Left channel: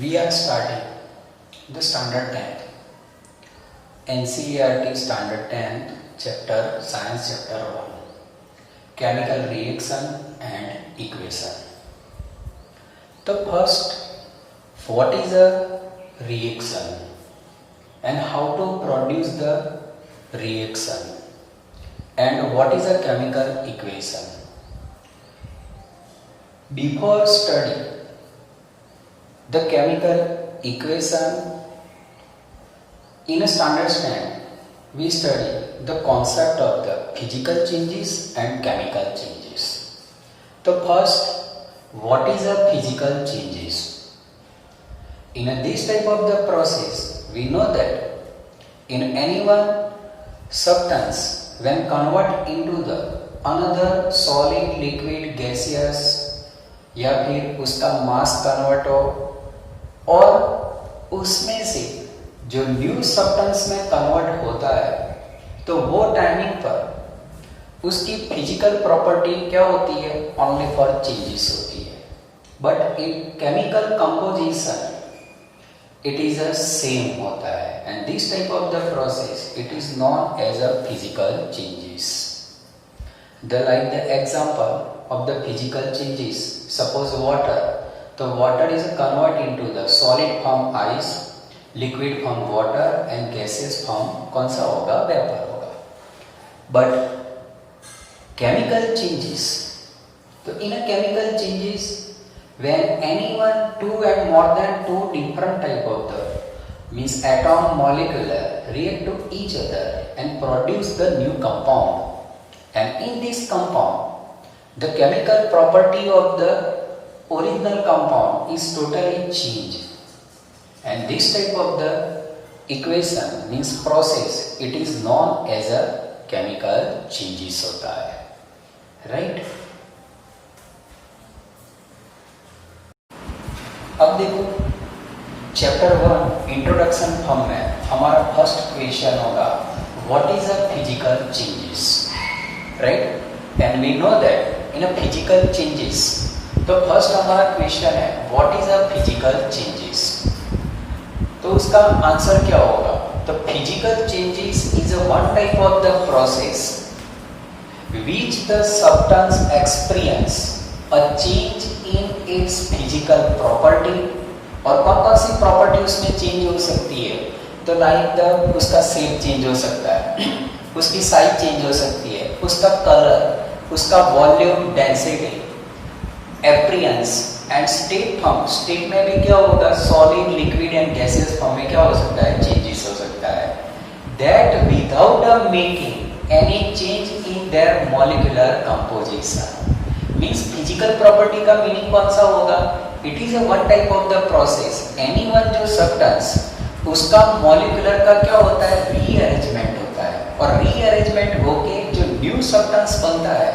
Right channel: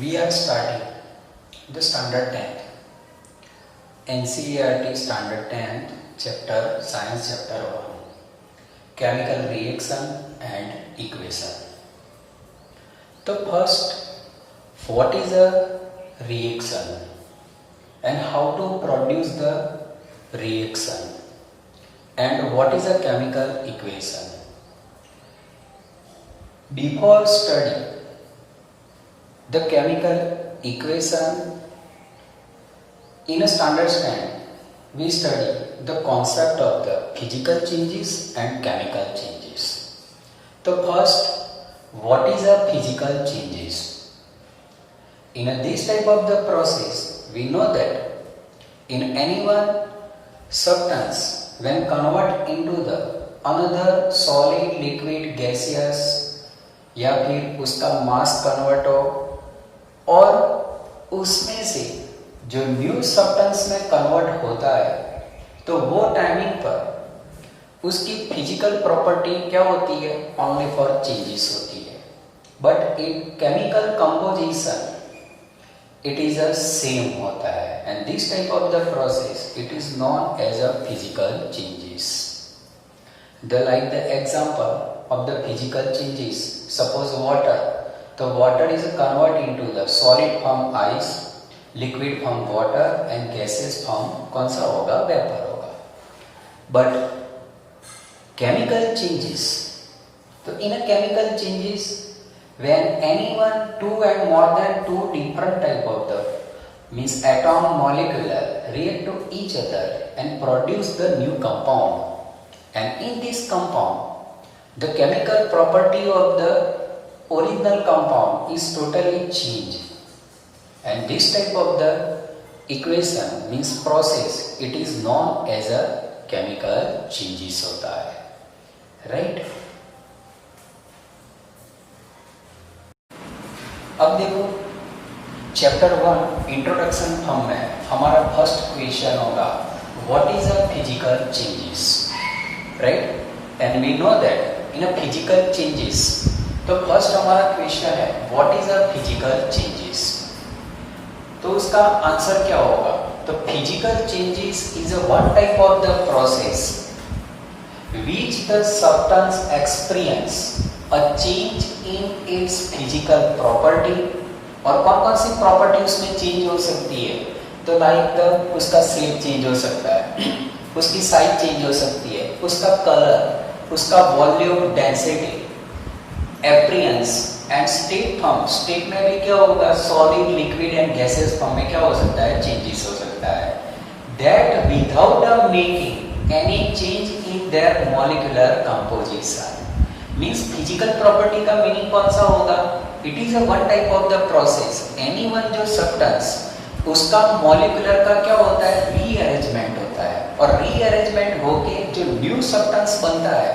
We are starting the standard 10th NCERT standard 10th chapter science chapter 1 chemical reaction and equation. So first, what is a reaction and how to produce the reaction and what is a chemical equation? Before studying the chemical equation in a standard stand, we study the concept of the physical changes and chemical changes. So first, what is a physical changes? In this type of the process, we know that in any one substance, when convert into the another solid, liquid, gaseous या फिर उसका मास convert हो और उसमें से जो new substance में convert होता है तो वो टाइमिंग पर उसकी फिजिकल प्रॉपर्टी क्या होती है? ओनली फॉर चेंजेस होती है. But in chemical composition it is a same होता है and this type of the process it is known as a physical changes. The like the example of the physical changes, suppose water, the water is converted into the solid form ice, liquid form water and gaseous form कौन सा होगा? Vapour होगा. But chemical changes, तो in a chemical changes when anyone two and more than two different type of the means atom molecular react to each other and produce the new compound, and in this compound the chemical property of the original compound is totally changed, and this type of the equation means process it is known as a chemical changes होता है, right? अब देखो chapter 1 introduction form में हमारा first question होगा what is a physical changes, right? And we know that in a physical changes, तो first हमारा question है what is a physical changes. तो उसका आंसर क्या होगा? तो physical changes is a one type of the process which the substance experience a change in its physical property. और कौन कौन सी प्रॉपर्टी उसमें चेंज हो सकती है? तो लाइक द उसका शेप चेंज हो सकता है, उसकी साइज चेंज हो सकती है, उसका कलर, उसका volume, density, appearance and state form. State में भी क्या होगा? Solid, liquid and gases form में क्या हो सकता है? चेंजेस हो सकता है. That without making any change in their molecular composition. Means physical property का मीनिंग कौन सा होगा? It is a one type of the process. Any one जो सब्सटेंस उसका मॉलिक्यूलर का क्या होता है? रीअरेंजमेंट होता है, और रीअरेंजमेंट होके जो न्यू सब्सटेंस बनता है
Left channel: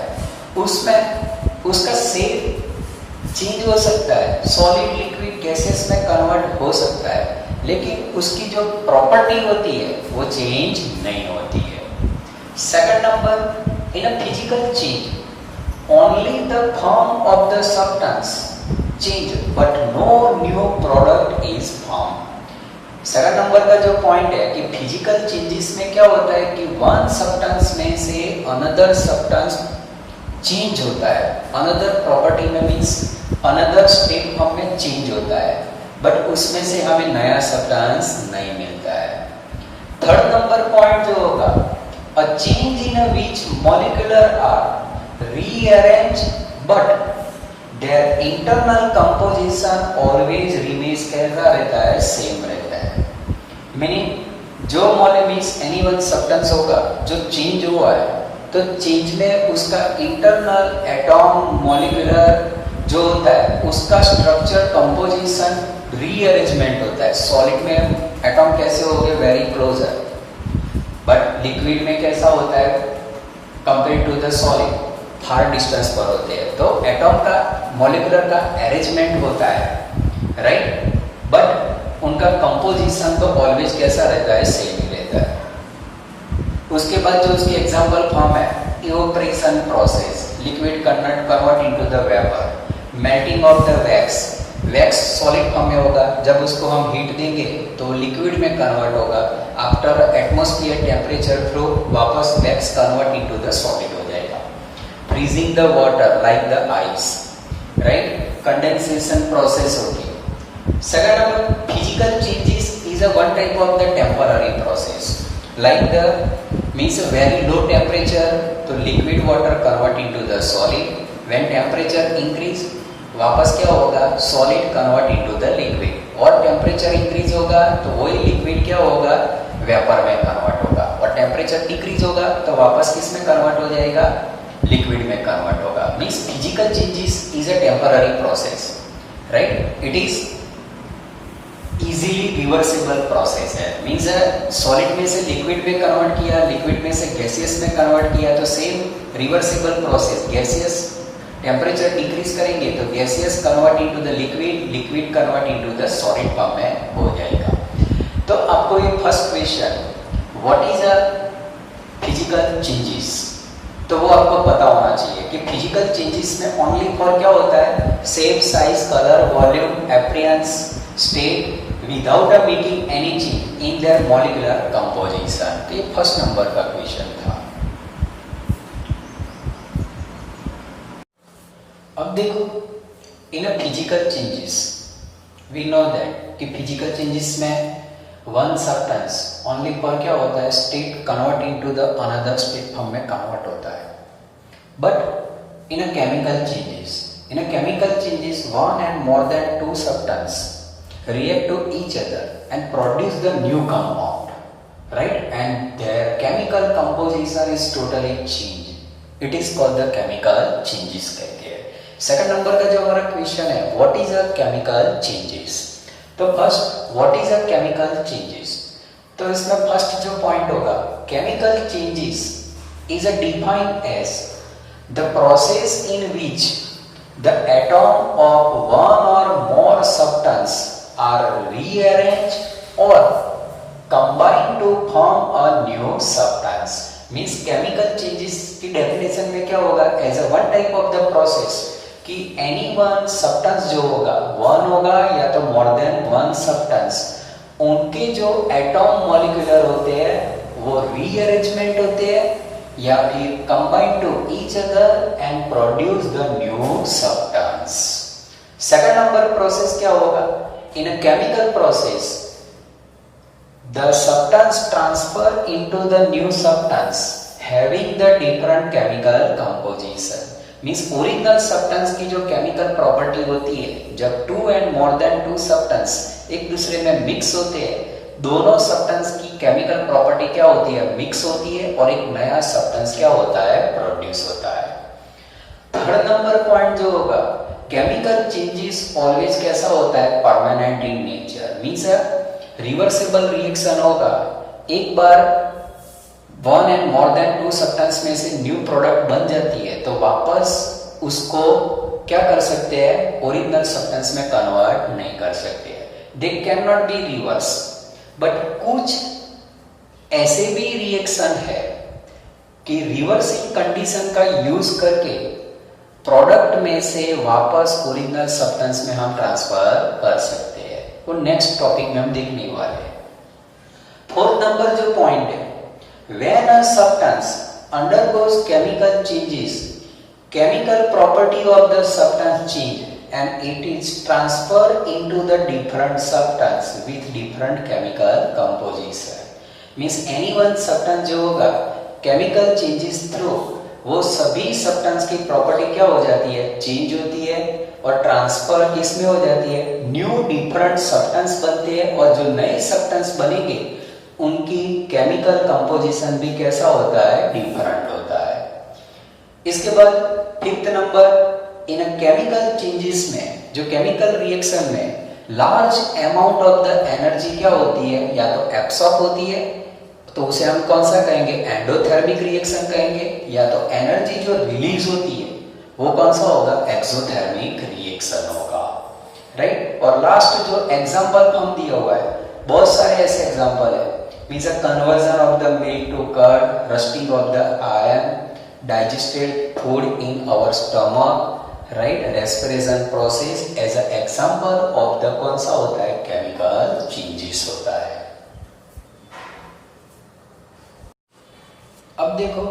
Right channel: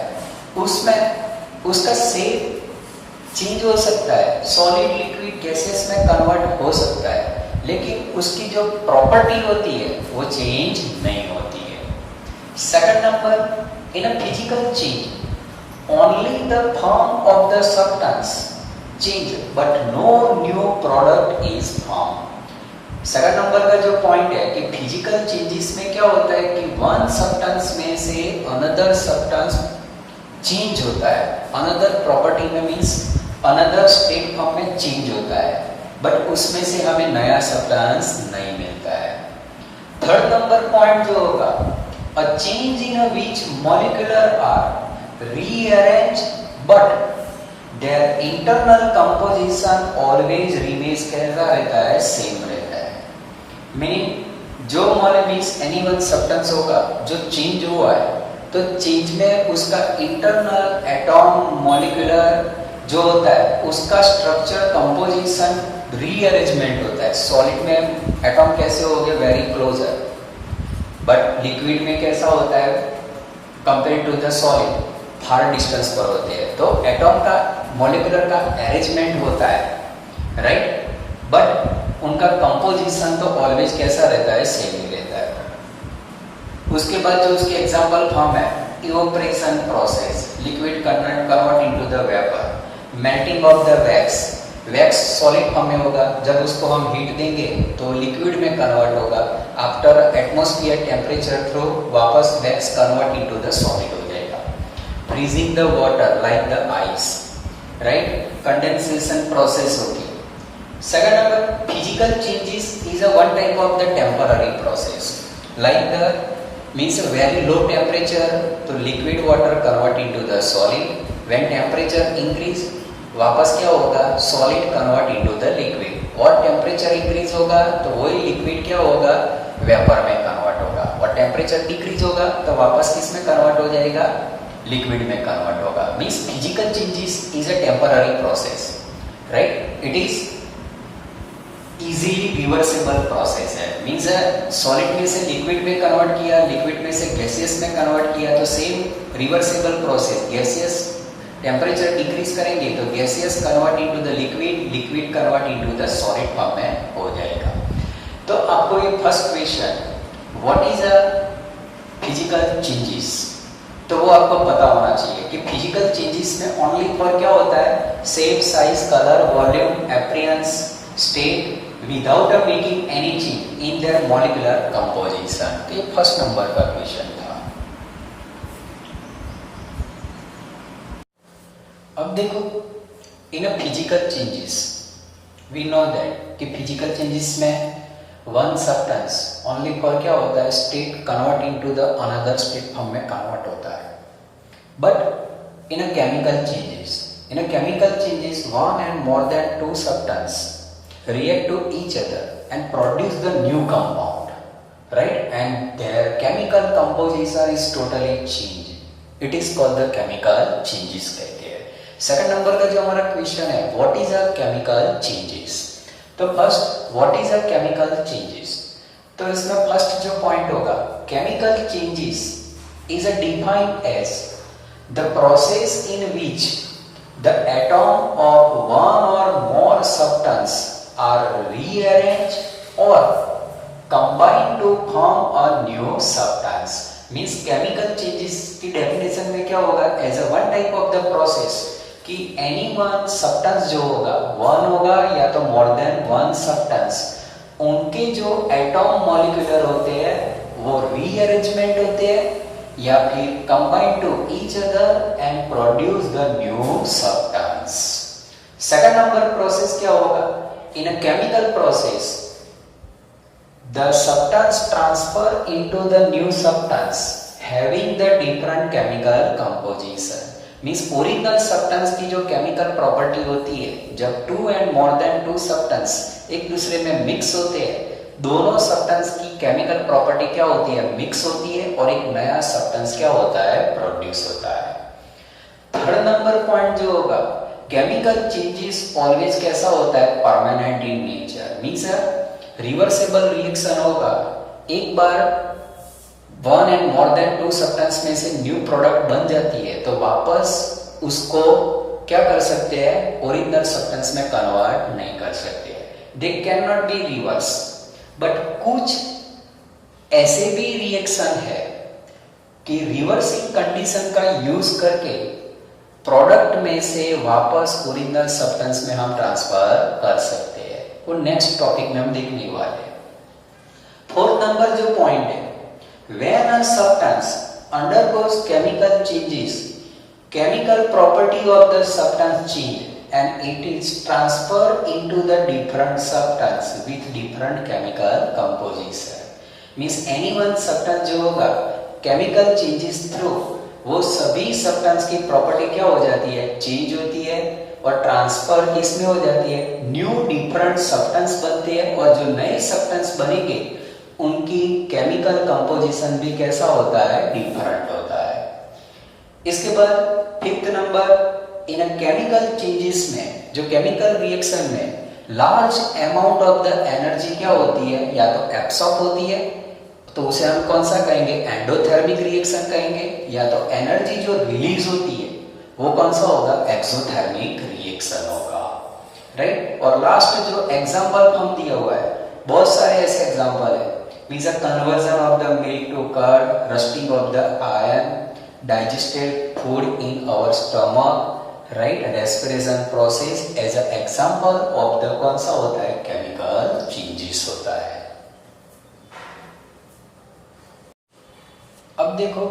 उसमें उसका शेप चेंज हो सकता है, सॉलिड, लिक्विड, गैसेस में कन्वर्ट हो सकता है, लेकिन उसकी जो प्रॉपर्टी होती है वो चेंज नहीं होती है. Second number, in a physical change only the form of the substance change but no new product is form. Second number का जो पॉइंट है कि फिजिकल चेंजेस में क्या होता है कि वन सब्सटेंस में से अनदर सब्सटेंस चेंज होता है, अनदर प्रॉपर्टी में मींस अनदर स्टेट फॉर्म में चेंज होता है, बट उसमें से हमें नया सब्सटेंस नहीं मिलता है. थर्ड नंबर पॉइंट जो होगा a change in a which molecular are rearrange but their internal composition always remains कैसा रहता है? सेम रहता है. मीनिंग जो मॉलिक्यूल्स एनी वन सब्सटेंस होगा जो चेंज हुआ है तो चेंज में उसका इंटरनल एटॉम मॉलिक्यूलर जो होता है उसका स्ट्रक्चर कंपोजिशन रीअरेंजमेंट होता है. सॉलिड में एटॉम कैसे हो गए? वेरी क्लोजर, बट लिक्विड में कैसा होता है? Compare to the solid far distance पर होते हैं. तो एटॉम का मॉलिक्यूलर का अरेंजमेंट होता है, राइट? बट उनका कंपोजिशन तो ऑलवेज कैसा रहता है? सेम ही रहता है. उसके बाद जो उसकी एग्जांपल फॉर्म है evaporation process, liquid convert into the vapour, melting of the wax, wax solid form में होगा, जब उसको हम हीट देंगे तो लिक्विड में कन्वर्ट होगा, आफ्टर एटमॉस्फेयर टेम्परेचर थ्रू वापस wax convert into the solid हो जाएगा। Freezing the water like the ice, right, condensation process होती है। Second number physical changes is a one type of the temporary process, like the means very low temperature तो liquid water convert into the solid, when temperature increase वापस क्या होगा, solid convert into the liquid, और temperature increase होगा तो वही liquid क्या होगा, वेपर में कन्वर्ट होगा, और टेम्परेचर डिक्रीज होगा तो वापस किस में कन्वर्ट हो जाएगा, लिक्विड में कन्वर्ट होगा। Means physical changes is a temporary process, right, it is easily reversible process है। मीन्स सॉलिड में से लिक्विड में कन्वर्ट किया, लिक्विड में से गैसियस में कन्वर्ट किया तो same reversible process, gaseous temperature decrease करेंगे तो gaseous convert into the liquid, liquid convert into the solid form में हो जाएगा। तो आपको ये first question what is a physical changes, तो वो आपको पता होना चाहिए कि फिजिकल चेंजेस में ओनली फॉर क्या होता है, shape, size, colour, volume, appearance, state without making any change in their molecular composition. तो ये फर्स्ट नंबर का क्वेश्चन था। अब देखो in a physical changes we know that कि फिजिकल चेंजेस में वन सब्सटेंस ओनली फॉर क्या होता है, state convert into the another state form में कन्वर्ट होता है। But in a chemical changes one and more than two substance react to each other and produce the new compound, right, and their chemical composition is totally changed, it is called the chemical changes कहते हैं। Second number का जो हमारा question है what is a chemical changes, तो first what is a chemical changes, तो इसमें first जो पॉइंट होगा, chemical changes is a defined as the process in which the atom of one और more substance are rearranged or combined to form a new substance। Means chemical changes की definition में क्या होगा, as a one type of the process कि any one substance जो होगा, one होगा या तो मोर देन वन सब्सटेंस, उनके जो एटॉम मॉलिक्यूलर होते हैं वो रीअरेंजमेंट होते हैं या फिर combine to each other and produce the new substance. Second number process क्या होगा, in a chemical process the substance transfer into the new substance having the different chemical composition। Means original substance की जो chemical property होती है, जब two and more than two substance एक दूसरे में मिक्स होते हैं, दोनों सब्सटेंस की केमिकल प्रॉपर्टी क्या होती है, मिक्स होती है और एक नया सब्सटेंस क्या होता है, प्रोड्यूस होता है। थर्ड नंबर पॉइंट जो होगा, केमिकल चेंजेस ऑलवेज कैसा होता है, permanent in nature, means reversible reaction होगा। एक बार one and more than two substance में से न्यू प्रोडक्ट बन जाती है तो वापस उसको क्या कर सकते हैं, ओरिजिनल सब्सटेंस में कन्वर्ट नहीं कर सकते, they can not be reverse. But कुछ ऐसे भी रिएक्शन है कि रिवर्सिंग कंडीशन का यूज करके प्रोडक्ट में से वापस ओरिजिनल सब्सटेंस में हम ट्रांसफर कर सकते हैं, वो नेक्स्ट टॉपिक में हम देखने वाले हैं। फोर्थ नंबर जो पॉइंट है, when a substance undergoes chemical changes, chemical property of the substance change and it is transfer into the different substance with different chemical composition. Means any one substance जो होगा chemical changes through वो सभी substance की property क्या हो जाती है, change होती है और ट्रांसफर इसमें हो जाती है, न्यू डिफरेंट सब्सटेंस बनते हैं और जो नए सब्सटेंस बनेंगे उनकी केमिकल कंपोजिशन भी कैसा होता है, डिफरेंट होता है। इसके बाद फिफ्थ नंबर, इन केमिकल चेंजेस में, जो केमिकल रिएक्शन में large amount of the energy क्या होती है, या तो एब्सॉर्ब होती है तो उसे हम कौन सा कहेंगे, एंडोथर्मिक रिएक्शन कहेंगे, या तो एनर्जी जो रिलीज होती है वो कौन सा होगा, एक्सोथर्मिक रिएक्शन होगा, राइट। और लास्ट जो एग्जांपल हम दिया हुआ है, बहुत सारे ऐसे एग्जांपल है, means conversion of the milk to curd, rusting of the iron, digested food in our stomach, right, respiration process as a example of the कौन सा होता है, केमिकल चेंजेस होता है। अब देखो,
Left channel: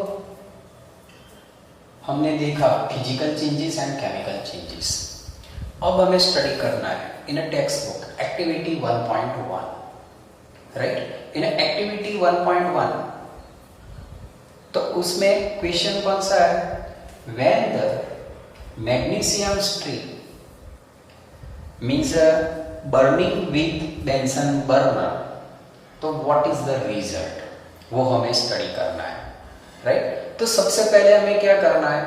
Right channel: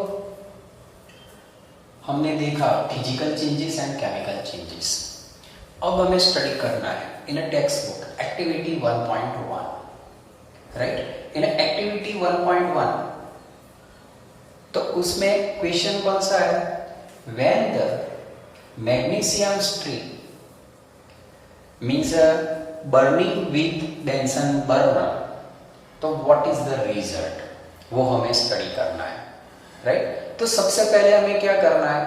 हमने देखा physical changes and chemical changes. अब हमें स्टडी करना है in a textbook activity 1.1, right. In activity 1.1 तो उसमें क्वेश्चन कौन सा है, when the magnesium strip means burning with Bunsen burner, तो व्हाट इज द रिजल्ट, वो हमें स्टडी करना है, राइट। तो सबसे पहले हमें क्या करना है,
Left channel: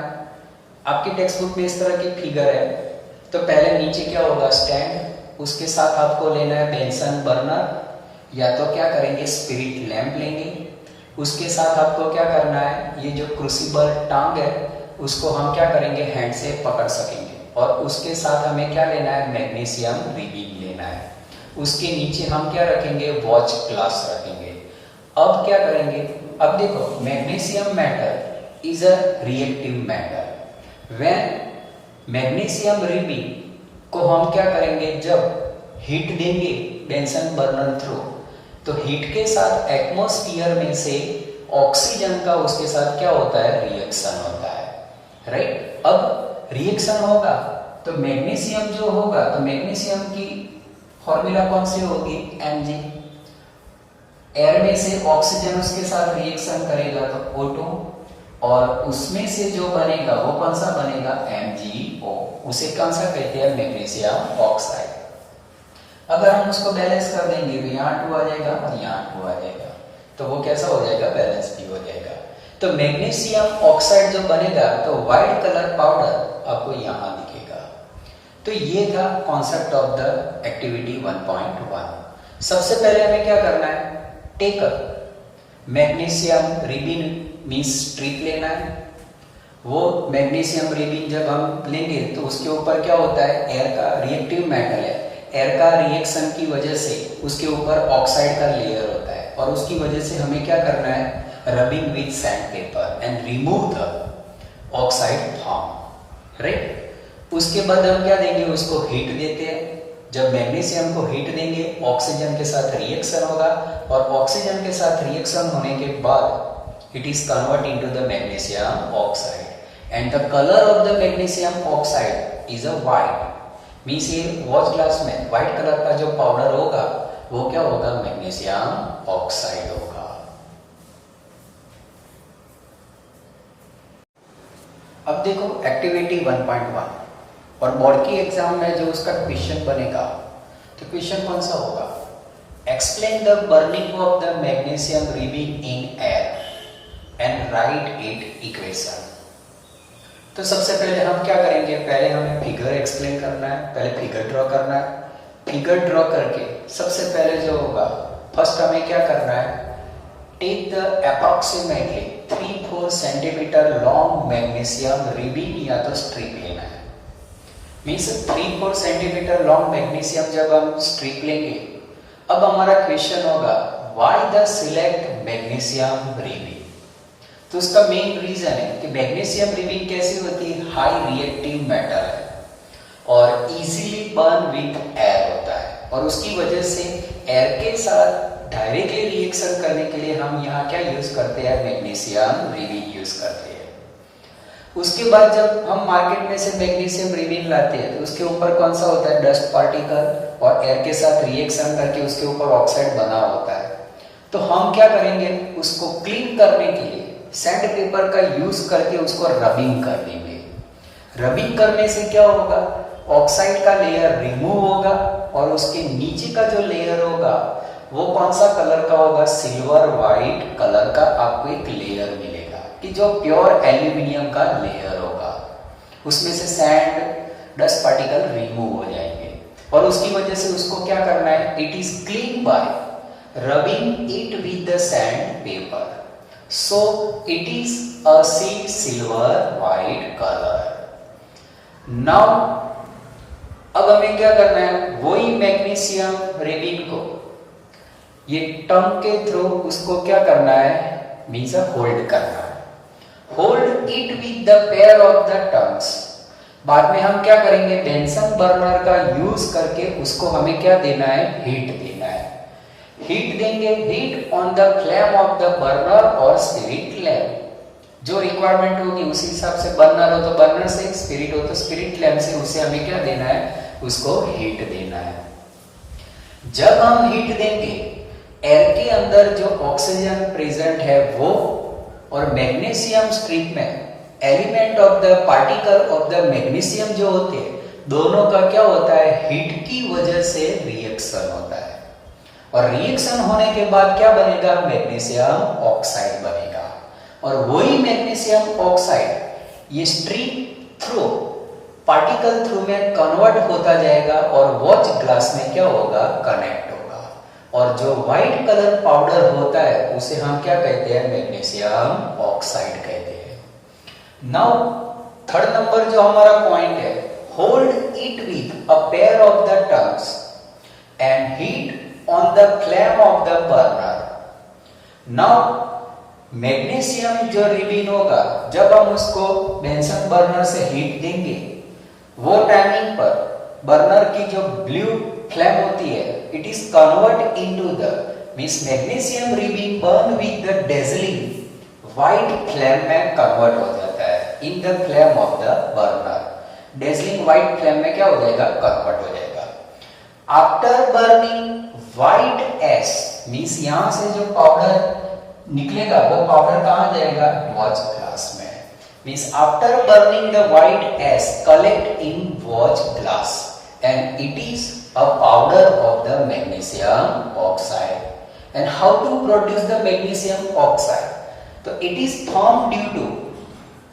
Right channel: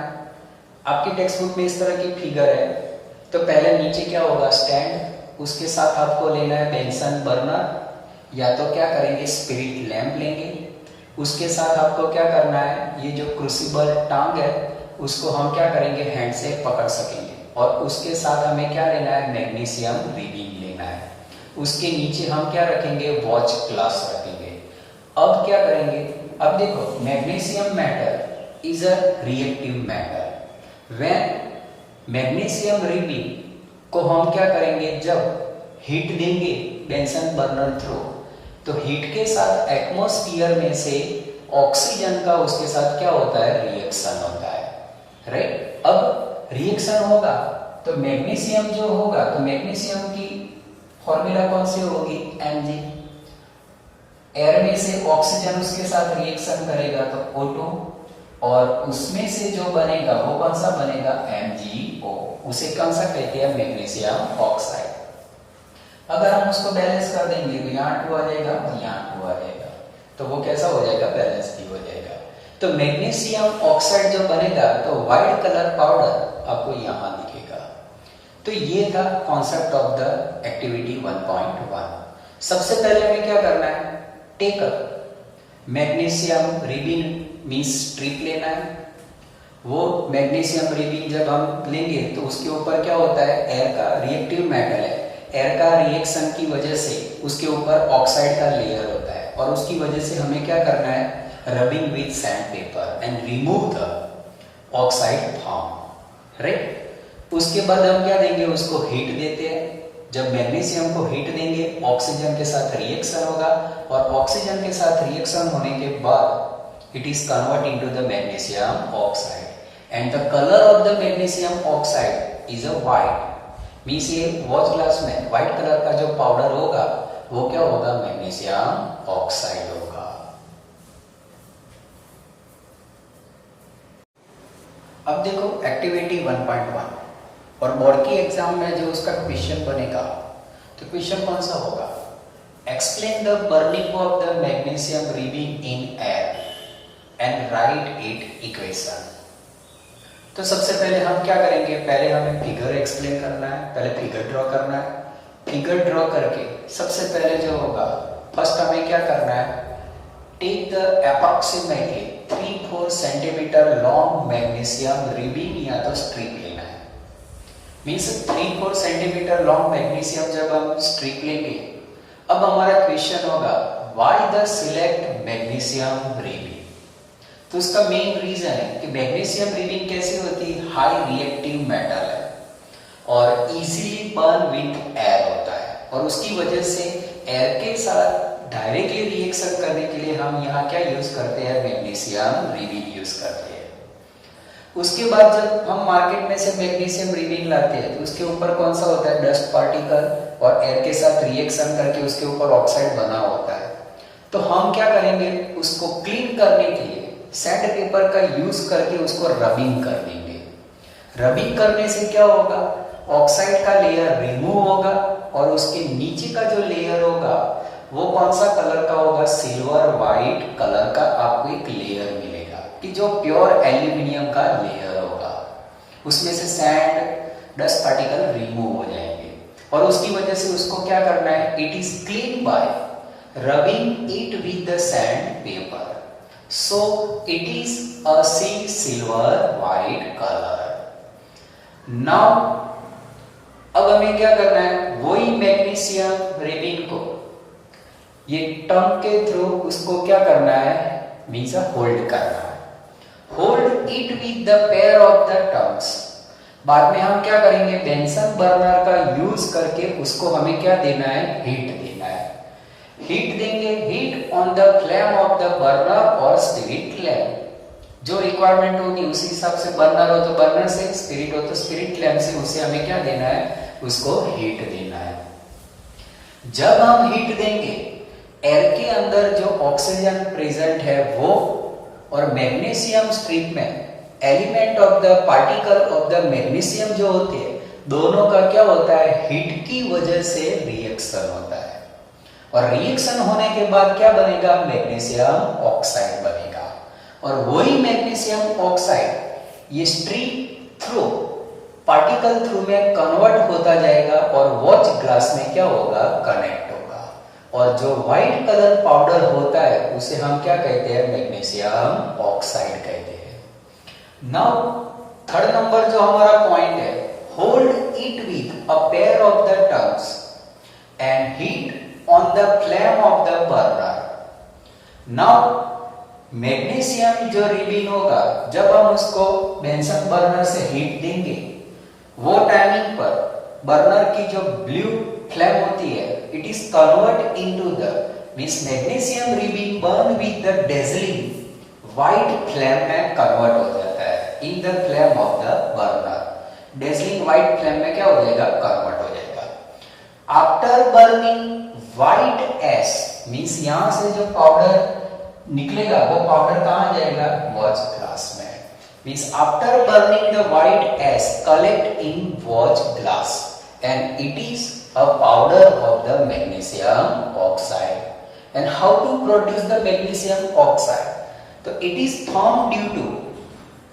आपकी टेक्स्ट बुक में इस तरह की फिगर है, तो पहले नीचे क्या होगा, स्टैंड, उसके साथ आपको लेना है बेंसन बर्नर, या तो क्या करेंगे स्पिरिट लैंप लेंगे, उसके साथ आपको क्या करना है, ये जो क्रूसिबल टांग है उसको हम क्या करेंगे हैंड से पकड़ सकेंगे, और उसके साथ हमें क्या लेना है, मैग्नीशियम रिबन लेना है, उसके नीचे हम क्या रखेंगे, वॉच ग्लास रखेंगे। अब क्या करेंगे, अब देखो magnesium matter is a reactive matter, when magnesium ribbon को हम क्या करेंगे, जब हीट देंगे बेंसन बर्नर थ्रू, तो हीट के साथ एटमॉस्फेयर में से ऑक्सीजन का उसके साथ क्या होता है, रिएक्शन होता है, राइट। अब रिएक्शन होगा तो मैग्नीशियम जो होगा, तो मैग्नीशियम की फॉर्मूला कौन सी होगी, Mg, एयर में से ऑक्सीजन उसके साथ रिएक्शन करेगा तो O2, और उसमें से जो बनेगा वो कौन सा बनेगा, MgO, उसे कौन सा कहते हैं, मैग्नीशियम ऑक्साइड। अगर हम उसको बैलेंस कर देंगे तो यहाँ 2 आ जाएगा और यहाँ 2 आ जाएगा, तो वो कैसा हो जाएगा, बैलेंस भी हो जाएगा। तो मैग्नीशियम ऑक्साइड जो बनेगा तो व्हाइट कलर पाउडर आपको यहाँ दिखेगा। तो ये था कॉन्सेप्ट ऑफ द एक्टिविटी 1.1। सबसे पहले हमें क्या करना है, take a magnesium ribbon means strip लेना है। वो मैग्नीशियम रिबन जब हम लेंगे तो उसके ऊपर क्या होता है, एयर का रिएक्टिव मेटल है, एयर का रिएक्शन की वजह से उसके ऊपर ऑक्साइड का लेयर होता है, और उसकी वजह से हमें क्या करना है, rubbing with sand paper and remove the oxide form, right. उसके बाद हम क्या देंगे, उसको हीट देते हैं। जब मैग्नीशियम को हीट देंगे ऑक्सीजन के साथ रिएक्शन होगा, और ऑक्सीजन के साथ रिएक्शन होने के बाद it is convert into the magnesium oxide, and the colour of the magnesium oxide is a white, means ये वॉच ग्लास में व्हाइट कलर का जो पाउडर होगा वो क्या होगा, मैग्नीशियम ऑक्साइड होगा। अब देखो एक्टिविटी 1.1, और बोर्ड की एग्जाम में जो उसका क्वेश्चन बनेगा, तो क्वेश्चन कौन सा होगा, explain the burning of the magnesium ribbon in air and write it equation. तो सबसे पहले हम क्या करेंगे, पहले हमें फिगर एक्सप्लेन करना है, पहले फिगर ड्रॉ करना है। फिगर ड्रॉ करके सबसे पहले जो होगा, फर्स्ट हमें क्या करना है, take the approximately 3-4 centimetre long magnesium ribbon या तो स्ट्रिप लेना है। मीन्स 3-4 सेंटीमीटर लॉन्ग मैग्नीशियम जब हम स्ट्रिप लेंगे, अब हमारा क्वेश्चन होगा, why the select magnesium ribbon. तो उसका मेन रीजन है कि मैग्नीशियम रिबन कैसी होती है, हाई रिएक्टिव मेटल है और इजीली बर्न विथ एयर होता है, और उसकी वजह से एयर के साथ डायरेक्टली रिएक्शन करने के लिए हम यहाँ क्या यूज करते हैं, मैग्नीशियम रिबन यूज करते हैं। उसके बाद जब हम मार्केट में से मैग्नीशियम रिबन लाते हैं तो उसके ऊपर कौन सा होता है, डस्ट पार्टिकल, और एयर के साथ रिएक्शन करके उसके ऊपर ऑक्साइड बना होता है। तो हम क्या करेंगे, उसको क्लीन करने के लिए सैंड पेपर का यूज करके उसको रबिंग कर देंगे। रबिंग करने से क्या होगा, ऑक्साइड का लेयर रिमूव होगा, और उसके नीचे का जो लेयर होगा वो कौन सा कलर का होगा, सिल्वर व्हाइट कलर का आपको एक लेयर मिलेगा, कि जो प्योर एल्यूमिनियम का लेयर होगा, उसमें से सैंड डस्ट पार्टिकल रिमूव हो जाएंगे, और उसकी वजह से उसको क्या करना है, it is clean bye rubbing it with the sand paper, so it is a silver white color. Now अब हमें क्या करना है, वही मैग्नीशियम रिबन को ये टंग के थ्रू उसको क्या करना है, मीन्स होल्ड करना है, hold it with the pair of the tongues, बाद में हम क्या करेंगे, बेंसन बर्नर का यूज करके उसको हमें क्या देना है, हीट देना है। हीट देंगे, heat on the flame of the burner और स्पिरिट लैम्प। जो रिक्वायरमेंट होगी उसी हिसाब से, बर्नर हो तो बर्नर से, स्पिरिट हो तो स्पिरिट लैम्प से, उसे हमें क्या देना है, उसको हीट देना है। जब हम हीट देंगे, एयर के अंदर जो ऑक्सीजन प्रेजेंट है वो और मैग्नीशियम स्ट्रिप में element of the particle of the magnesium जो होते हैं, दोनों का क्या होता है, हीट की वजह से रिएक्शन होता है। और रिएक्शन होने के बाद क्या बनेगा, मैग्नीशियम ऑक्साइड बनेगा। और वही मैग्नीशियम ऑक्साइड ये स्ट्रिप थ्रू, पार्टिकल थ्रू में कन्वर्ट होता जाएगा और वॉच ग्लास में क्या होगा, कनेक्ट होगा। और जो व्हाइट कलर पाउडर होता है उसे हम क्या कहते हैं, मैग्नीशियम ऑक्साइड कहते हैं। नाउ थर्ड नंबर जो हमारा पॉइंट है, hold it with a pair of the tongues and heat on the flame of the burner. Now magnesium जो रिलीज होगा, जब हम उसको बेंसन बर्नर से हीट देंगे, वो टाइमिंग पर बर्नर की जो ब्लू फ्लेम होती है, it is convert into the means magnesium release burn with the dazzling white flame में कन्वर्ट हो जाता है in the flame of the burner. Dazzling white flame में क्या हो जाएगा, कन्वर्ट हो जाएगा। After burning white ash means यहां से जो पाउडर निकलेगा वो पाउडर कहां जाएगा, वॉच ग्लास में। Means after burning the white ash collect in watch glass and it is a powder of the magnesium oxide. And how to produce the magnesium oxide, तो it is form due to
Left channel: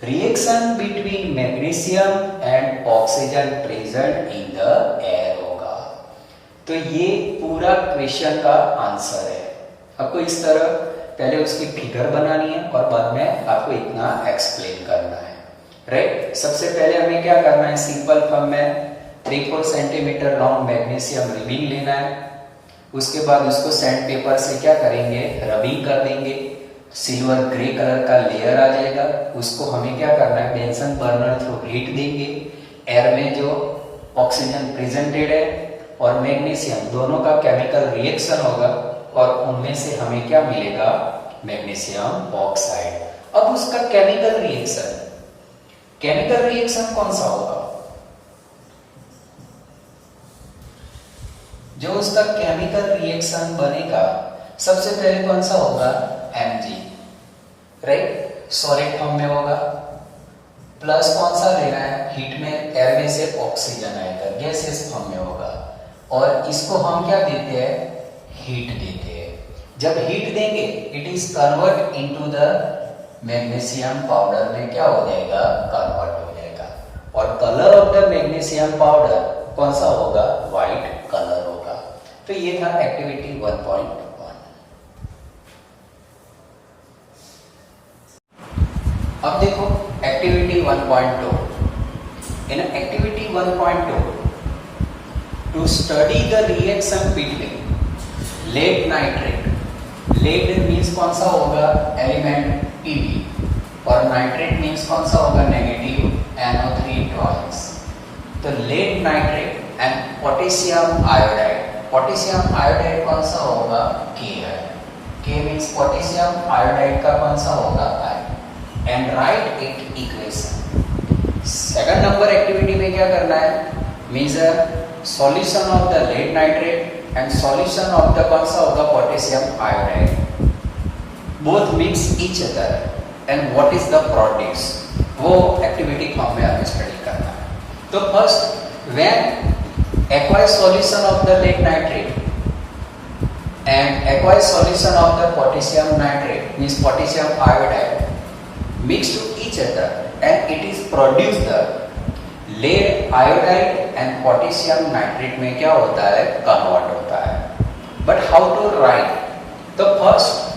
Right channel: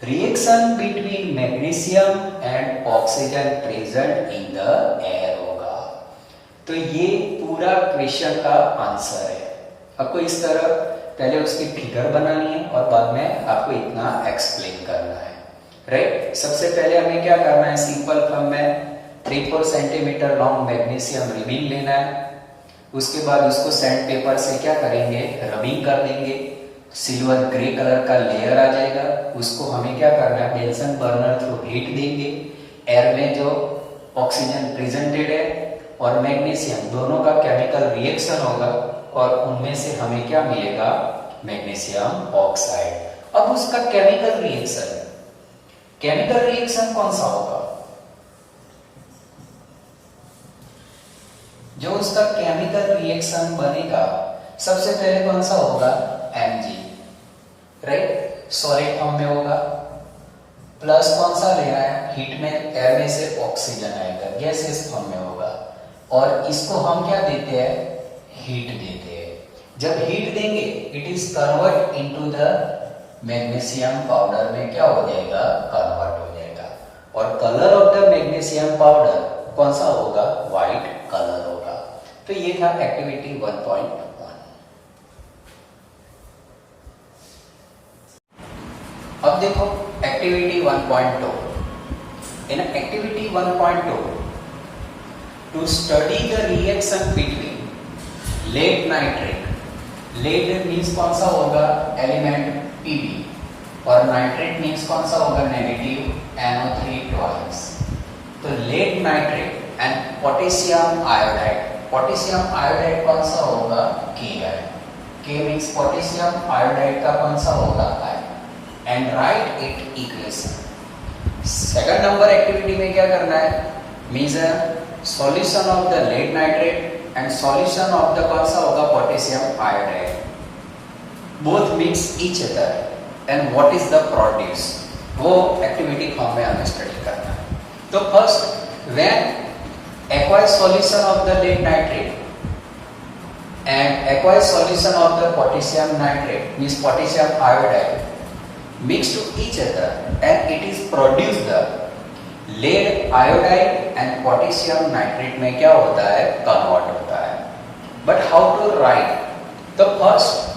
reaction between magnesium and oxygen present in the air होगा। तो ये पूरा question का answer है। आपको इस तरह पहले उसकी फिगर बनानी है और बाद में आपको इतना एक्सप्लेन करना है, राइट। सबसे पहले हमें क्या करना है, सिंपल फॉर्म में 3-4 सेंटीमीटर लॉन्ग मैग्नीशियम रिबिन लेना है। उसके बाद उसको सैंड पेपर से क्या करेंगे, रबिंग कर देंगे। सिल्वर ग्रे कलर का लेयर आ जाएगा, उसको हमें क्या करना है, बेंसन बर्नर थ्रू हीट देंगे। एयर में जो ऑक्सीजन प्रेजेंटेड है और मैग्नीशियम दोनों का केमिकल रिएक्शन होगा और उनमें से हमें क्या मिलेगा, मैग्नीशियम ऑक्साइड। अब उसका केमिकल रिएक्शन कौन सा होगा, जो उसका केमिकल रिएक्शन बनेगा सबसे पहले कौन सा होगा, Mg, राइट, सॉलिड फॉर्म में होगा। प्लस कौन सा लेना है, हीट में एयर में से ऑक्सीजन आएगा, गैसेस फॉर्म में होगा। और इसको हम क्या देते हैं, हीट देते हैं। जब हीट देंगे it is convert into the magnesium powder में क्या हो जाएगा, कन्वर्ट हो जाएगा। और colour of the magnesium powder कौन सा होगा, व्हाइट कलर होगा। तो ये था एक्टिविटी 1.1। अब देखो activity 1.2। In activity 1.2 to study the reaction between lead nitrate, lead means कौन सा होगा, एलिमेंट Pb, और नाइट्रेट मीन्स कौन सा होगा, नेगेटिव NO3 ट्वाइस। तो lead nitrate and potassium iodide, potassium iodide कौन सा होगा, K है। K मीन्स पोटेशियम आयोडाइड का कौन सा होगा, I, and write it equation. Second number activity में क्या करना है, measure solution of the lead nitrate and solution of the कौन सा होगा, potassium iodide, both mix each other and what is the produce, वो एक्टिविटी फॉर्म में हमें स्टडी करना है। तो first, when aqueous solution of the lead nitrate and aqueous solution of the potassium nitrate means potassium iodide mixed to each other and it is produced the lead iodide and potassium nitrate में क्या होता है, convert होता है। But how to write? तो first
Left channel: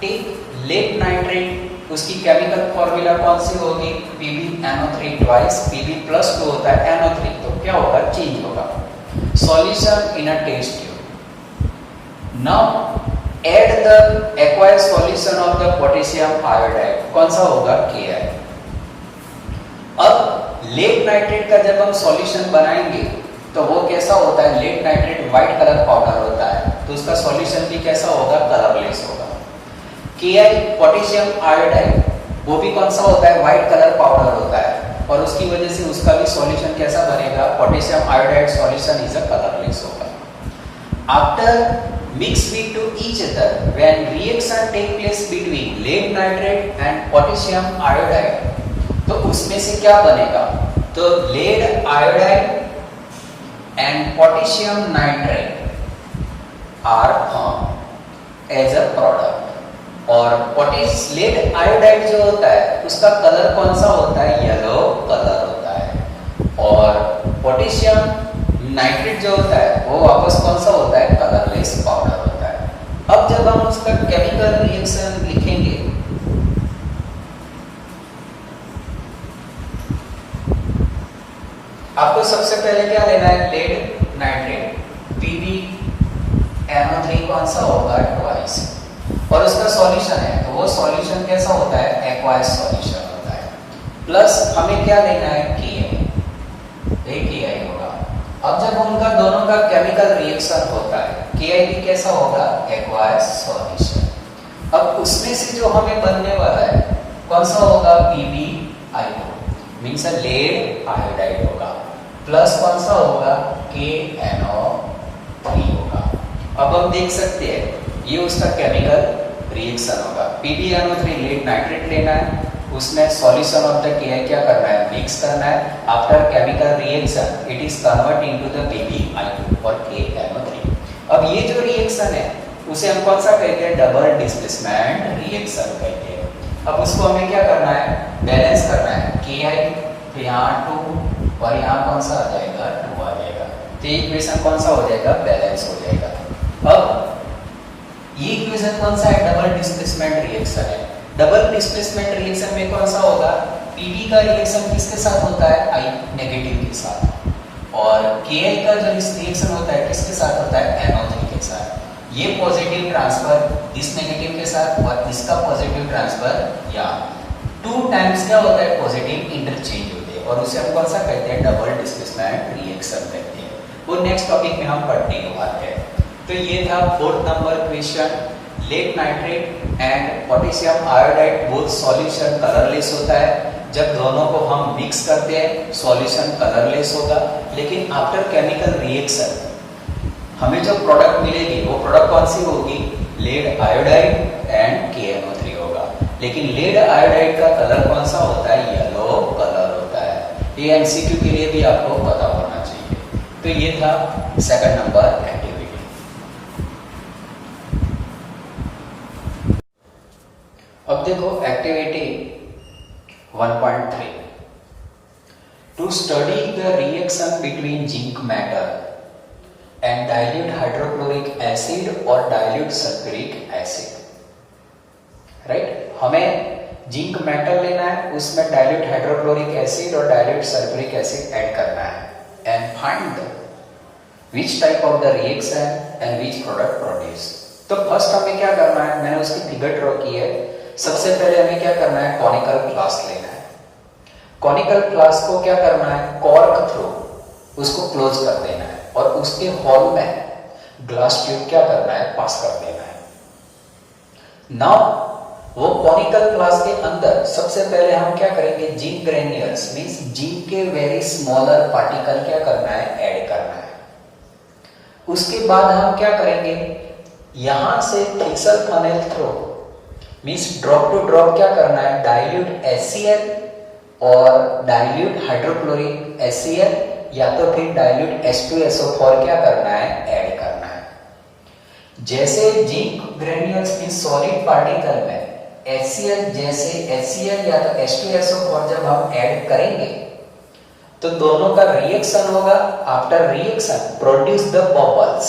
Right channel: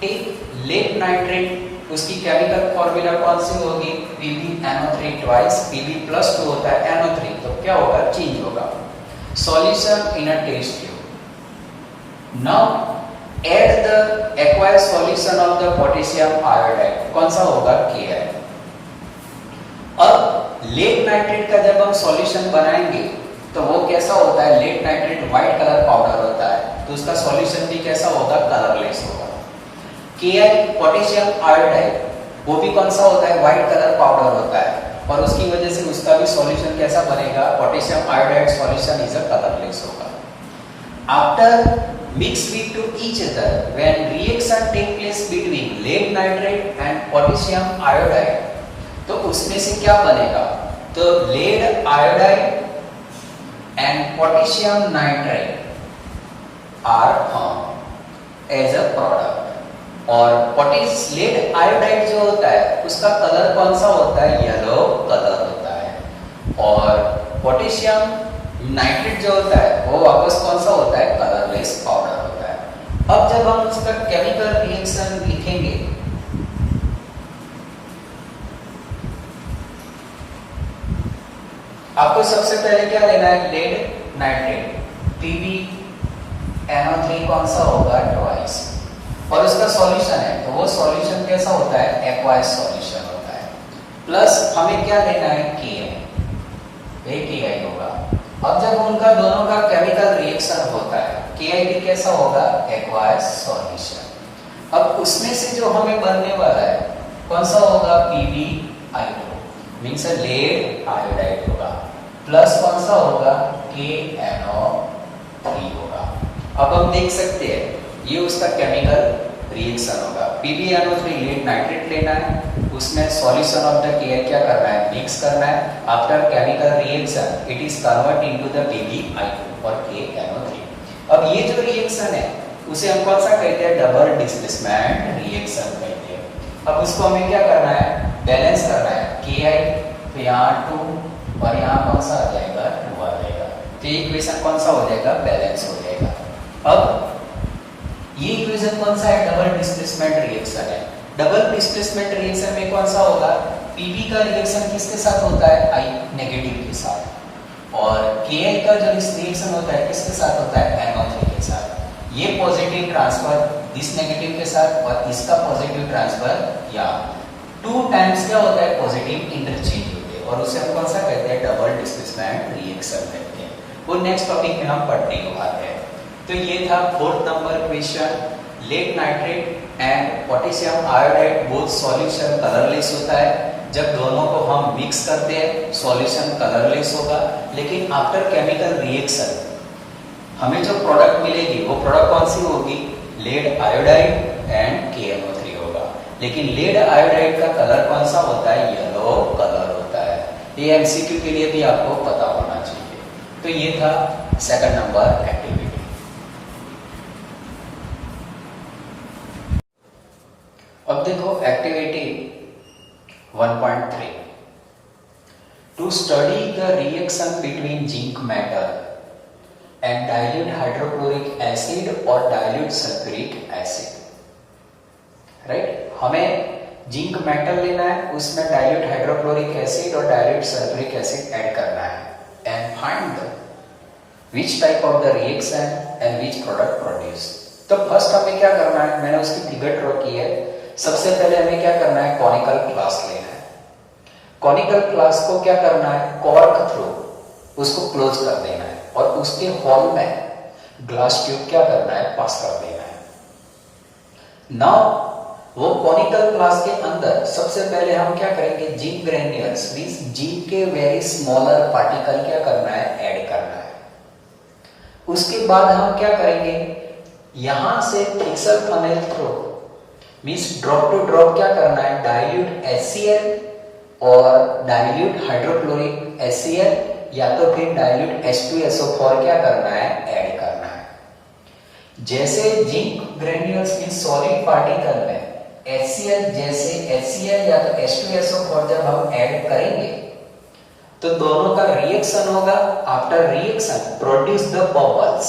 take lead nitrate, उसकी chemical formula कौन सी होगी, PbNO3 twice, Pb plus 2 होता है NO3, तो क्या होगा, चेंज होगा। Solution in a test tube. Now add the aqueous solution of the potassium iodide, कौन सा होगा, Ki। अब लेड नाइट्रेट का जब हम सॉल्यूशन बनाएंगे तो वो कैसा होता है, lead nitrate white colour powder होता है, तो उसका सॉल्यूशन भी कैसा होगा, कलरलेस होगा। Ki पोटेशियम आयोडाइड वो भी कौन सा होता है, व्हाइट कलर पाउडर होता है, और उसकी वजह से उसका भी सॉल्यूशन कैसा बनेगा, potassium iodide solution is a colourless होगा। After mix it to each other when reaction take place between lead nitrate and potassium iodide, तो उसमें से क्या बनेगा, तो lead iodide and potassium nitrate are formed as a product, और lead iodide जो होता है उसका कलर कौन सा होता है, येलो कलर होता है, और पोटेशियम नाइट्रेट जो होता है वो वापस कौन सा होता है, कलरलेस पाउडर होता है। अब जब हम उसका केमिकल रिएक्शन लिखेंगे, आपको सबसे पहले क्या लेना है, लेड नाइट्रेट PbNO3 कौन सा होगा, ट्वाइस, और उसका सॉल्यूशन है तो वो सॉल्यूशन कैसा होता है, एक्वायस सॉल्यूशन होता है, प्लस हमें क्या लेना है, KI होगा। अब जब उनका दोनों का केमिकल रिएक्शन होता है, Ki भी कैसा होगा, एक्वायस सॉल्यूशन। अब उसमें से जो हमें बनने वाला है कौन सा होगा, PbI2 मींस लेड आयोडाइड होगा, प्लस कौन सा होगा, KNO3 होगा। अब हम देख सकते हैं ये उसका केमिकल रिएक्शन होगा, PbNO3 लेड नाइट्रेट लेना है, उसमें सॉल्यूशन ऑफ द Ki क्या करना है, मिक्स करना है। After chemical reaction it is convert into the PbI2 और KNO3। अब ये जो रिएक्शन है उसे हम कौन सा कहते हैं, डबल डिस्प्लेसमेंट रिएक्शन कहते हैं। अब उसको हमें क्या करना है, बैलेंस करना है, Ki तो यहाँ 2 और यहाँ कौन सा आ जाएगा, 2 आ जाएगा, तो ये इक्वेशन कौन सा हो जाएगा, बैलेंस हो जाएगा। अब ये इक्वेशन कौन सा है, डबल डिस्प्लेसमेंट रिएक्शन है। डबल डिस्प्लेसमेंट रिएक्शन में कौन सा होगा, Pb का रिएक्शन किसके साथ होता है, I नेगेटिव के साथ, और Ki का जो रिएक्शन होता है किसके साथ होता है, NO3 के साथ। ये पॉजिटिव ट्रांसफर इस नेगेटिव के साथ और इसका पॉजिटिव ट्रांसफर या 2 टाइम्स क्या होता है, पॉजिटिव इंटरचेंज होते हैं, और उसे हम कौन सा कहते हैं, डबल डिस्प्लेसमेंट रिएक्शन कहते हैं। वो नेक्स्ट टॉपिक में हम पढ़ने वाले हैं। तो ये था 4th number question, lead nitrate and potassium iodide both solution colourless होता है। जब दोनों को हम मिक्स करते हैं सॉल्यूशन कलरलेस होगा, लेकिन आफ्टर केमिकल रिएक्शन हमें जो प्रोडक्ट मिलेगी वो प्रोडक्ट कौन सी होगी, लेड आयोडाइड एंड KNO3 होगा। लेकिन लेड आयोडाइड का कलर कौन सा होता है, येलो कलर होता है। ये MCQ के लिए भी आपको पता होना चाहिए। तो ये था 2nd नंबर एक्टिविटी। अब देखो activity 1.3, to study the reaction between zinc metal and dilute hydrochloric acid और डाइल्यूट सल्फ्यूरिक एसिड। राइट, हमें जिंक मेटल लेना है, उसमें डाइल्यूट हाइड्रोक्लोरिक एसिड और डाइल्यूट सल्फ्यूरिक एसिड ऐड करना है, and find which type of the reaction and which product produce. तो first हमें क्या करना है, मैंने उसकी फिगर ड्रॉ की है। सबसे पहले हमें क्या करना है, कॉनिकल फ्लास्क लेना है। कॉनिकल फ्लास्क को क्या करना है, कॉर्क थ्रू उसको क्लोज कर देना है, और उसके हॉल में ग्लास ट्यूब क्या करना है, पास कर देना है। नाउ वो कॉनिकल फ्लास्क के अंदर सबसे पहले हम क्या करेंगे, जिंक ग्रेन्यूल्स मींस जिंक के वेरी स्मॉलर पार्टिकल क्या करना है, ऐड करना है। उसके बाद हम क्या करेंगे, यहां से थिक्सर funnel through means drop to drop क्या करना है, डाइल्यूट HCl और डाइल्यूट हाइड्रोक्लोरिक HCl या तो फिर डाइल्यूट H2SO4 क्या करना है, ऐड करना है। जैसे जिंक ग्रेन्यूल्स में सॉलिड पार्टिकल में HCl जैसे HCl या तो H2SO4 जब हम ऐड करेंगे तो दोनों का रिएक्शन होगा। After reaction produce the bubbles,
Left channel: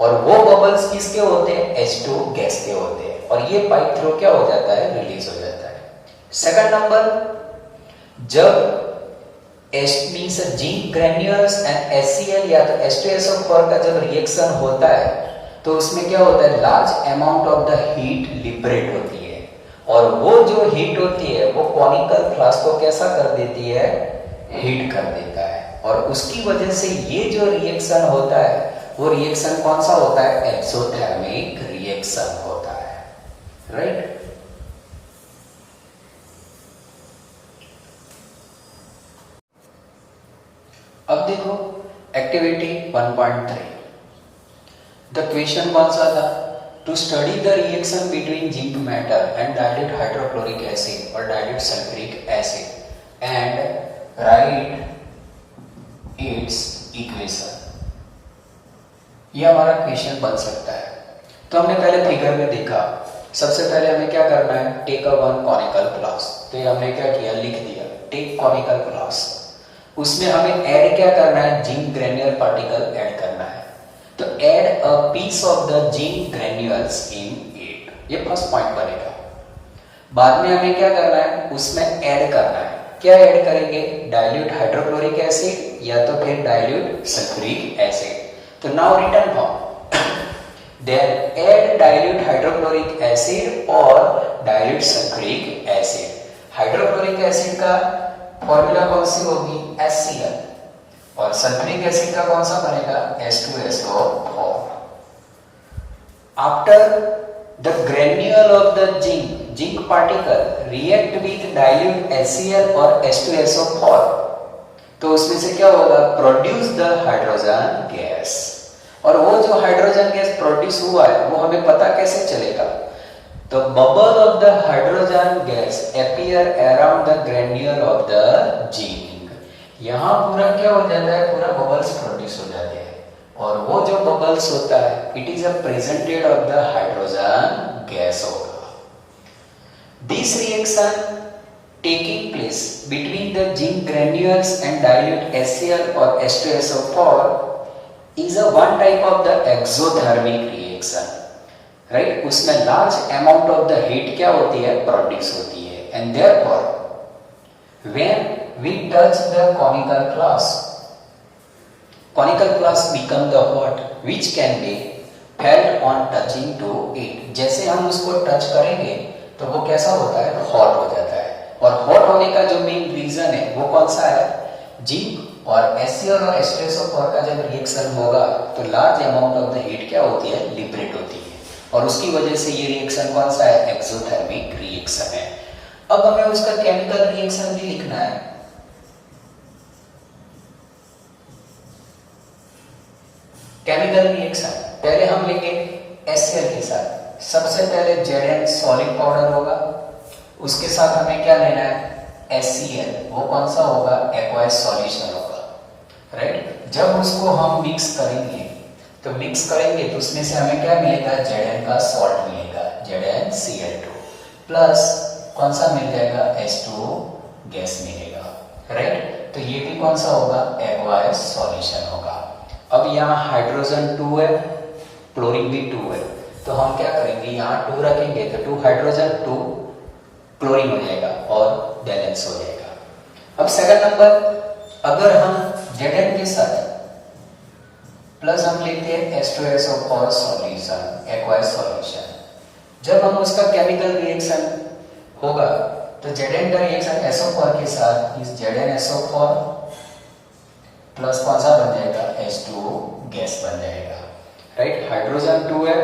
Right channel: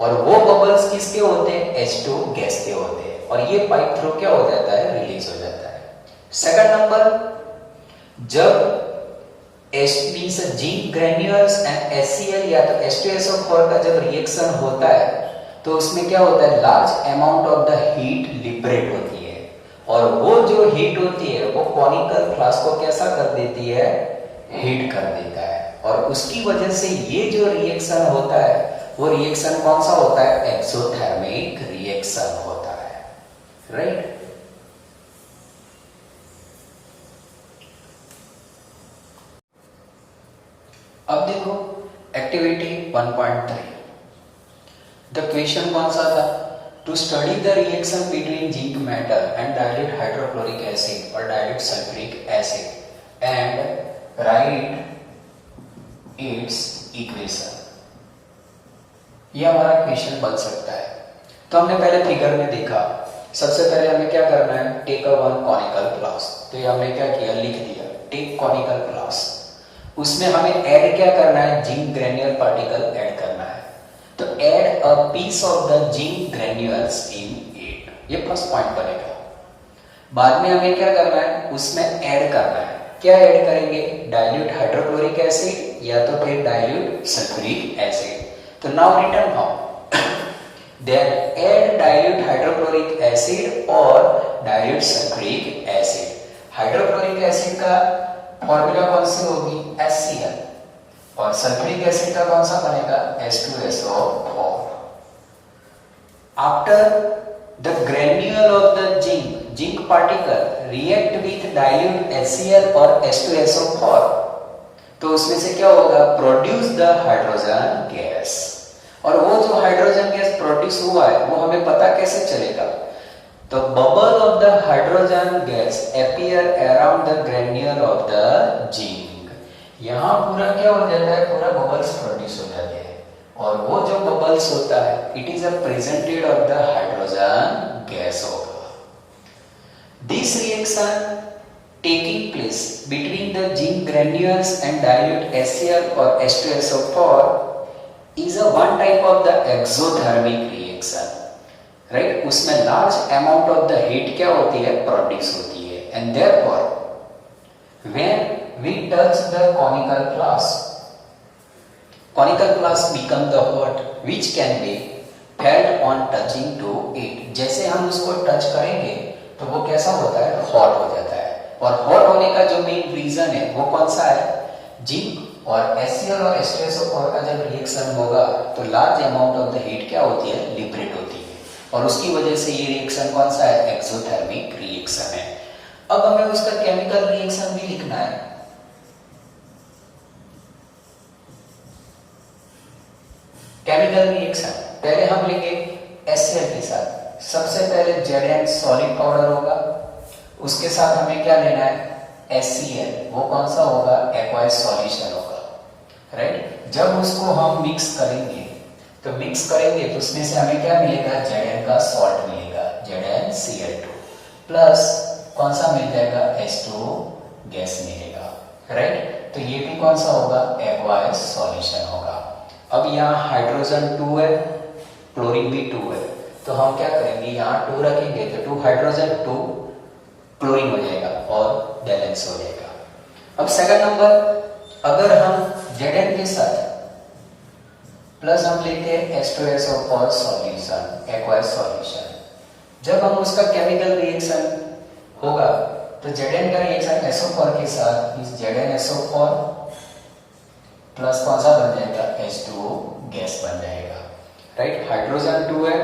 और वो बबल्स किसके होते हैं, H2 गैस के होते हैं, और ये पाइप थ्रू क्या हो जाता है, रिलीज हो जाता है। 2nd नंबर, जब means zinc granules and HCl या तो H2SO4 का जब रिएक्शन होता है तो उसमें क्या होता है, large amount of the heat liberate होती है, और वो जो हीट होती है वो कॉनिकल फ्लास्क को कैसा कर देती है, हीट कर देता है, और उसकी वजह से ये जो रिएक्शन होता है वो रिएक्शन कौन सा होता है, एक्सोथर्मिक रिएक्शन होता है, राइट। अब देखो एक्टिविटी 1.3, द क्वेश्चन कौन सा था, to study the reaction between zinc metal and dilute hydrochloric acid और dilute sulphuric acid and write its equation. ये हमारा क्वेश्चन बन सकता है। तो हमने पहले फिगर में देखा, सबसे पहले हमें क्या करना है, take a one conical flask. तो ये हमने क्या किया, लिख दिया टेक कॉनिकल फ्लास्क। उसमें हमें ऐड क्या करना है, जिंक ग्रेन्यूल पार्टिकल ऐड करना है। तो add a piece of the zinc granules in it, ये फर्स्ट पॉइंट बनेगा। बाद में हमें क्या करना है, उसमें ऐड करना है, क्या ऐड करेंगे, डाइल्यूट हाइड्रोक्लोरिक एसिड या तो फिर डाइल्यूट सल्फ्यूरिक एसिड। तो now return how, then add dilute hydrochloric acid और dilute sulfuric acid। Hydrochloric acid का फॉर्मूला कौन सी होगी, HCl, और सल्फ्यूरिक एसिड का कौन सा बनेगा, H2SO4। After the granule of the zinc particle react with dilute HCl और H2SO4, तो उसमें से क्या होगा, प्रोड्यूस द हाइड्रोजन गैस। और वो जो हाइड्रोजन गैस प्रोड्यूस हुआ है वो हमें पता कैसे चलेगा, तो bubble of the hydrogen gas appear around the granule of the zinc. यहां पूरा क्या हो जाता है, पूरा बबल्स प्रोड्यूस हो जाते हैं, और वो जो बबल्स होता है it is a presented of the hydrogen gas होगा। This reaction taking place between the zinc granules and dilute HCl or H2SO4 is a one type of the exothermic reaction, right? उसमें large amount of the heat क्या होती है, produce होती है, and therefore when we touch the conical flask become the hot which can be felt on touching to it। जैसे हम उसको touch करेंगे तो वो कैसा होता है, हॉट हो जाता है। और हॉट होने का जो मेन रीजन है वो कौन सा है, जिंक और HCl और H2SO4 का जब रिएक्शन होगा तो large amount of the heat क्या होती है, लिबरेट होती है, और उसकी वजह से ये रिएक्शन कौन सा है, एक्सोथर्मिक रिएक्शन है। अब हमें उसका केमिकल रिएक्शन भी लिखना है। केमिकल रिएक्शन पहले हम लेंगे HCl के साथ। सबसे पहले Zn सॉलिड पाउडर होगा, उसके साथ हमें क्या लेना है, HCl, वो कौन सा होगा, एक्वायस सॉल्यूशन होगा, राइट। जब उसको हम मिक्स करेंगे तो उसमें से हमें क्या मिलेगा, Zn का सॉल्ट मिलेगा, ZnCl2, प्लस कौन सा मिल जाएगा, H2 गैस मिलेगा, राइट। तो ये भी कौन सा होगा, एक्वायस सॉल्यूशन होगा। अब यहाँ हाइड्रोजन 2 है, क्लोरीन भी 2 है, तो हम क्या करेंगे, यहाँ 2 रखेंगे तो 2 हाइड्रोजन 2 क्लोरीन हो जाएगा और बैलेंस हो जाएगा। अब सेकंड नंबर, अगर हम Zn के साथ प्लस हम लेते हैं H2SO4 सॉल्यूशन, एक्वायस सॉल्यूशन, जब हम उसका केमिकल रिएक्शन होगा तो Zn का रिएक्शन SO4 के साथ इस ZnSO4 प्लस कौन सा बन जाएगा, H2 गैस बन जाएगा, राइट। हाइड्रोजन 2 है,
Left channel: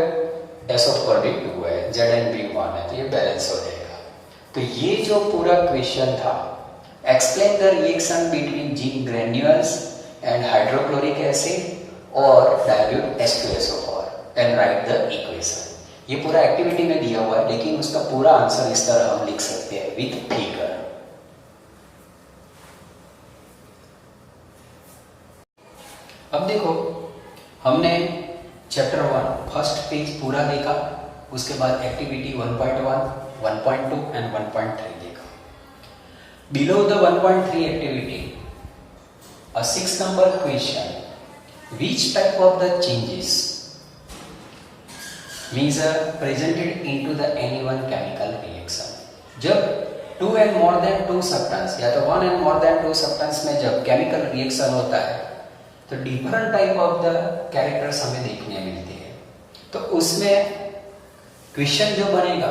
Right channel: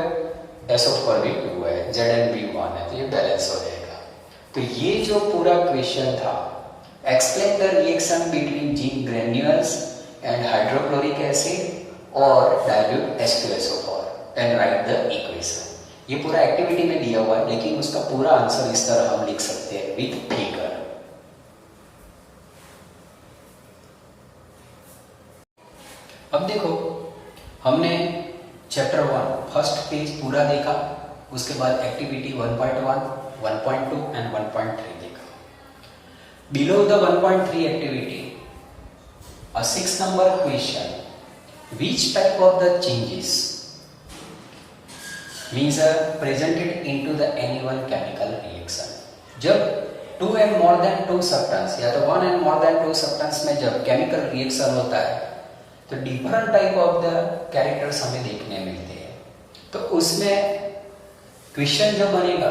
SO4 भी 2 है, Zn भी 1 है, तो ये बैलेंस हो जाएगा। तो ये जो पूरा क्वेश्चन था, explain the reaction between zinc granules and hydrochloric acid और dilute H2SO4 and write the equation. ये पूरा एक्टिविटी में दिया हुआ है, लेकिन उसका पूरा आंसर इस तरह हम लिख सकते हैं विद फिगर। अब देखो, हमने चैप्टर 1 फर्स्ट पेज पूरा देखा, उसके बाद एक्टिविटी 1.1, 1.2 and 1.3 देखा। Below the 1.3 activity, a 6 number question, which type of the changes means are presented into the any one chemical reaction। जब 2 and more than 2 substance या तो 1 and more than 2 substance में जब chemical reaction होता है तो different type of the characters हमें देखने मिलते हैं। तो उसमें क्वेश्चन जो बनेगा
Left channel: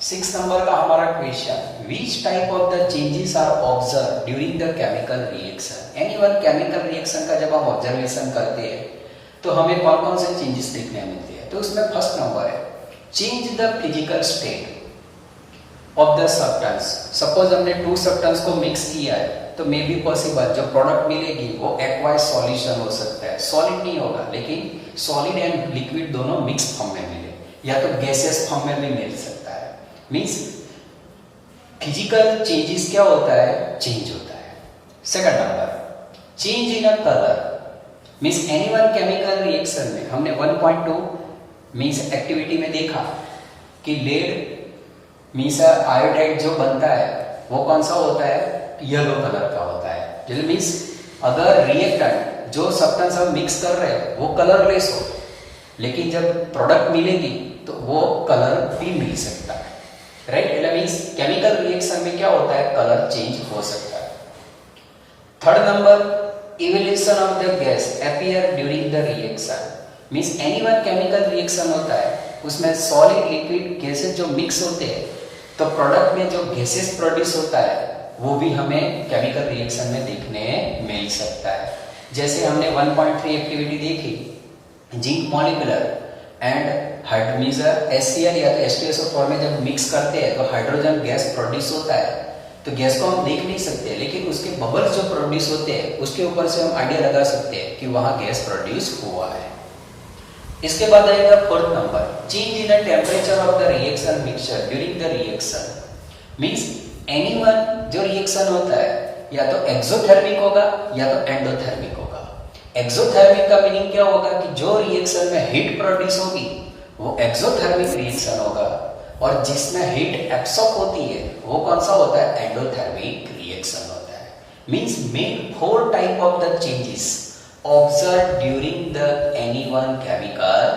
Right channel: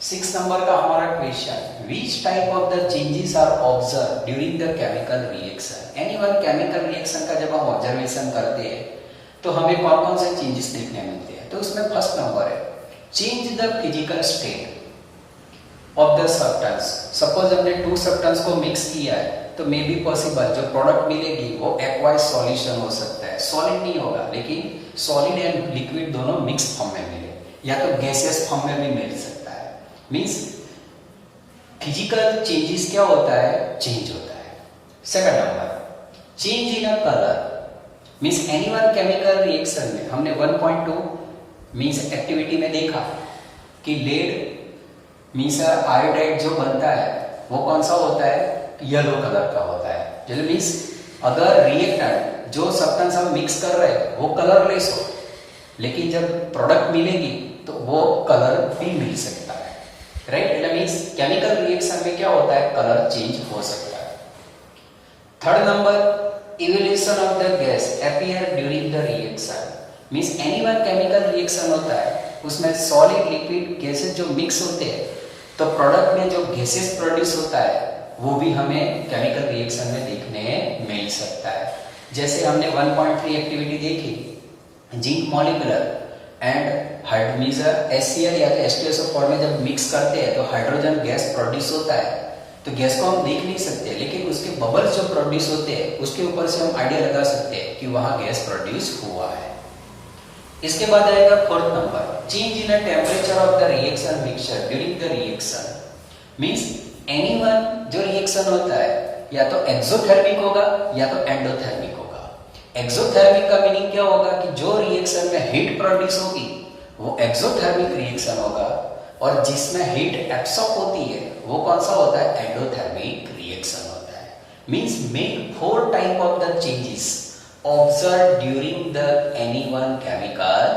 6 नंबर का हमारा question, which type of the changes are observe during the chemical reaction. Anyone chemical reaction का जब हम ऑब्जर्वेशन करते हैं तो हमें कौन कौन से चेंजेस देखने मिलते हैं। तो उसमें फर्स्ट नंबर है change the physical state of the substance. Suppose हमने 2 सब्सटेंस को मिक्स किया है तो मे बी पॉसिबल जो प्रोडक्ट मिलेगी वो एक्वाइज सॉल्यूशन हो सकता है, सॉलिड नहीं होगा लेकिन सॉलिड एंड लिक्विड दोनों मिक्स फॉर्म में मिले, या तो गैसियस फॉर्म में भी मिल सकता है। मींस फिजिकल चेंजेस क्या होता है, चेंज होता है। Second number change in a colour. Means anyone chemical reaction में हमने 1.2 मींस एक्टिविटी में देखा कि लेड मींस आयोडाइड जो बनता है वो कौन सा होता है, येलो कलर का होता है। जैसे मींस अगर रिएक्टेंट जो सब्सटेंस हम मिक्स कर रहे हैं वो कलरलेस हो, लेकिन जब प्रोडक्ट मिलेगी तो वो कलर भी मिल सकता है, राइट। मींस केमिकल रिएक्शन में क्या होता है, कलर चेंज हो सकता है। Third number evolution of the gas appear during the reaction. Means anyone chemical reaction होता है उसमें सॉलिड लिक्विड गैसेस जो मिक्स होते हैं तो प्रोडक्ट में जो गैसेस प्रोड्यूस होता है वो भी हमें केमिकल रिएक्शन में देखने मिल सकता है। जैसे हमने 1.3 एक्टिविटी देखी, जिंक मॉलिक्यूलर एंड HCl या H2SO4 में जब मिक्स करते हैं तो हाइड्रोजन गैस प्रोड्यूस होता है। तो गैस को हम देख नहीं सकते लेकिन उसके बबल्स जो प्रोड्यूस होते हैं उसके ऊपर से हम आइडिया लगा सकते हैं कि वहां गैस प्रोड्यूस हुआ है। इसके बाद आएगा fourth number, change in the temperature of the reaction mixture during the reaction. Means anyone जो रिएक्शन होता है या तो एक्सोथर्मिक होगा या तो एंडोथर्मिक होगा। एक्सोथर्मिक का मीनिंग क्या होगा कि जो रिएक्शन में हीट प्रोड्यूस होगी वो एक्सोथर्मिक रिएक्शन होगा, और जिसमें हीट एब्सॉर्ब होती है वो कौन सा होता है, एंडोथर्मिक रिएक्शन होता है। Means make 4 type of the changes observed during the any one chemical